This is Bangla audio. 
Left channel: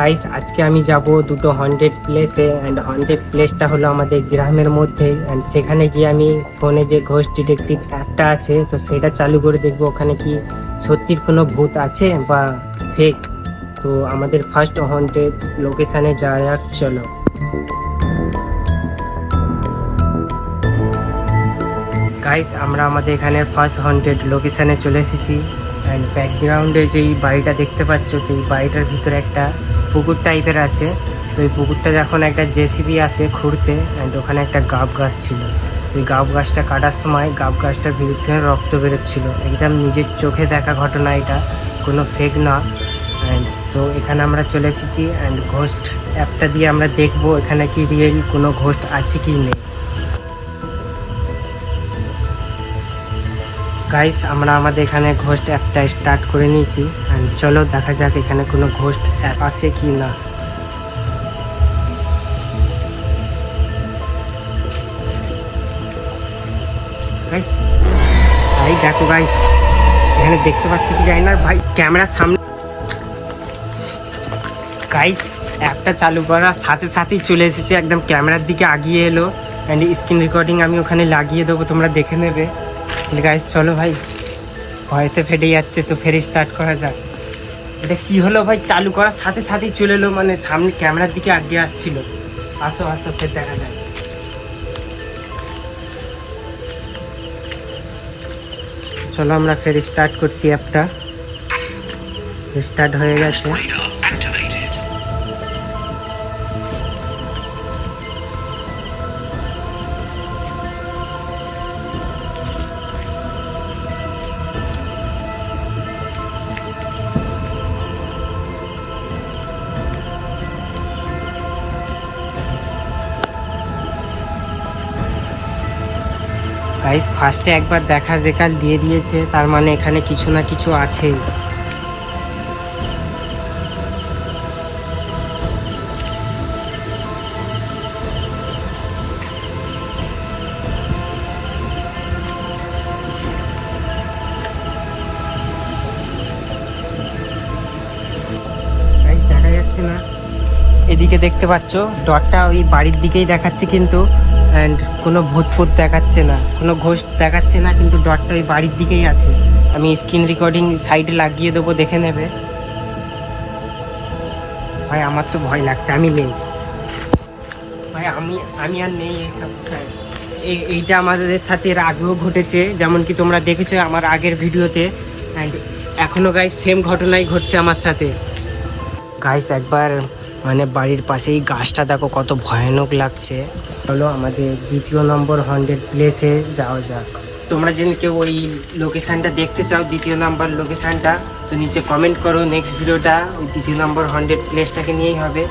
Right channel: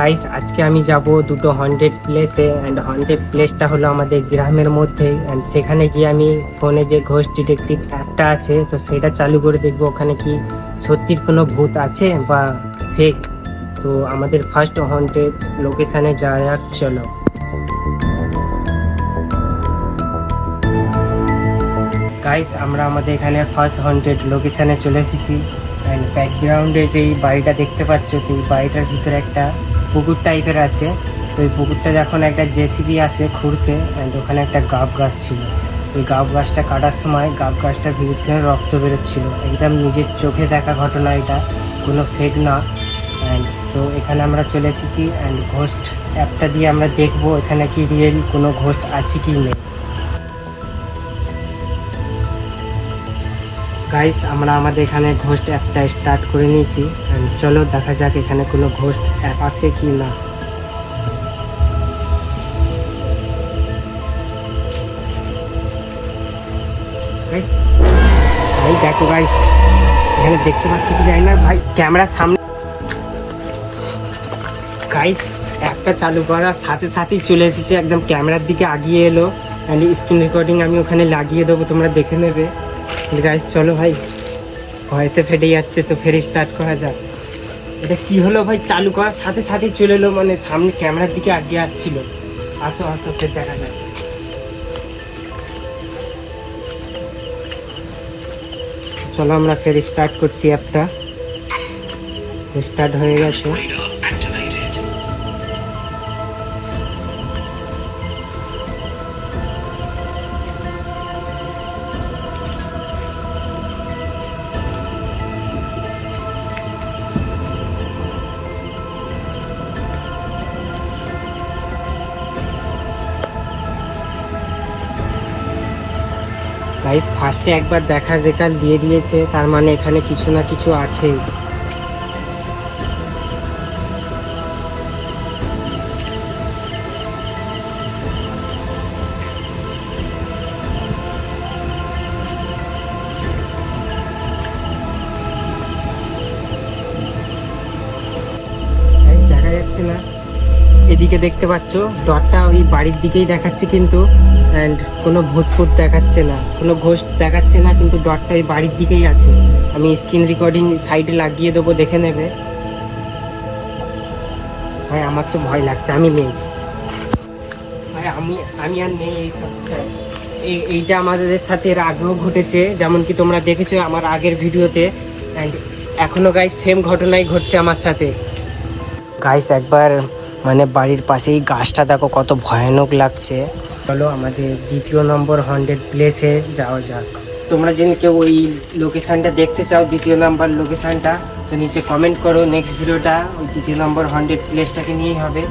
গাইস আজকে আমি যাব দুটো হন্টেড প্লেসে অ্যান্ড হন্টেড প্লেসটা হলো আমাদের গ্রামের মধ্যেই অ্যান্ড সেখানে গিয়ে আমি ফোনে যে ঘোস্ট ডিটেকটিভ অ্যাপটা আছে তো সেটা চালু করে দেখবো ওখানে কি সত্যির কোনো ভূত আছে বা ফেক। তো আমাদের ফার্স্ট হন্টেড লোকেশানে যাওয়া যাক, চলো। গাইস আমরা আমাদের এখানে ফার্স্ট হন্টেড লোকেশানে চলে এসেছি অ্যান্ড ব্যাকগ্রাউন্ডে যেই বাড়িটা দেখতে পাচ্ছ তো এই বাড়িটার ভিতরে একটা পুকুর টাইপের আছে। তো এই পুকুরটা যখন একটা জেসিবি আসে খুঁড়তে অ্যান্ড ওখানে একটা গাব গাছ ছিল। ওই গাব গাছটা কাটার সময় গাব গাছটার ভিতরে রক্ত বেরোচ্ছিল, একদম নিজের চোখে দেখা ঘটনা, এটা কোনো ফেক না। অ্যান্ড তো এখানে আমরা চলে এসেছি অ্যান্ড ঘোস্ট অ্যাপটা দিয়ে আমরা দেখবো এখানে কি রিয়েল কোনো ঘোস্ট আছে কি নেই। গাইস আমরা আমাদের এখানে ঘোস্ট অ্যাপটা স্টার্ট করে নিয়েছি অ্যান্ড চলো দেখা যাক এখানে কোনো ঘোস্ট অ্যাপ আছে কি না। গাইস ভাই দেখো গাইস, এখানে দেখতে পাচ্ছি কি জানি না ভাই, ক্যামেরার সামনে। গাইস অ্যাপটা চালু করার সাথে সাথেই চলে এসেছে, একদম ক্যামেরার দিকে আগিয়ে এলো অ্যান্ড স্ক্রিন রেকর্ডিং আমি ওখানে লাগিয়ে দেবো, তোমরা দেখে নেবে। গাইস চলো ভাই, হয়তো ফেটে যাচ্ছে তো ফের স্টার্ট করা যাক। এটা কি হলো ভাই, চালু করার সাথে সাথেই চলে এলো, মানে সামনে ক্যামেরার দিকে আগিয়ে আসছিল। আসো আসো ফের দেখা যাক। চলো আমরা ফের স্টার্ট করছি, অ্যাপটা স্টার্ট হয়ে গেছে। গাইস ফার্স্টে একবার দেখা যেকাল দিয়ে দিয়েছে, তার মানে এখানে কিছু না কিছু আছেই। গাইস দেখা যাচ্ছে না, এদিকে দেখতে পাচ্ছ ডটটা ওই বাড়ির দিকেই দেখাচ্ছে, কিন্তু অ্যান্ড কোনো ভূত ফুত দেখাচ্ছে না, কোনো ঘোস্ট দেখাচ্ছে না, কিন্তু ডটটা ওই বাড়ির দিকেই আছে। আমি স্ক্রিন রেকর্ডিং সাইডে লাগিয়ে দেবো, দেখে নেবে। ভাই আমার তো ভয় লাগছে, আমি নেই ভাই, আমি আর নেই এইসব। এইটা আমাদের সাথে এর আগেও ঘটেছে, যেমন কি তোমরা দেখেছো আমার আগের ভিডিওতে, অ্যান্ড এখনও গাইস সেম ঘটনাই ঘটছে আমার সাথে। গাইস একবার মানে বাড়ির পাশেই গাছটা দেখো কত ভয়ানক লাগছে। চলো আমাদের দ্বিতীয় নম্বর হন্টেড প্লেসে যাওয়া যাক। তোমরা যদি কেউ ওই লোকেশানটা দেখতে চাও, দ্বিতীয় নাম্বার লোকেশানটা, তো নিচে কমেন্ট করো। নেক্সট ভিডিওটা ওই দ্বিতীয় নম্বর হন্টেড প্লেসটাকে নিয়েই হবে।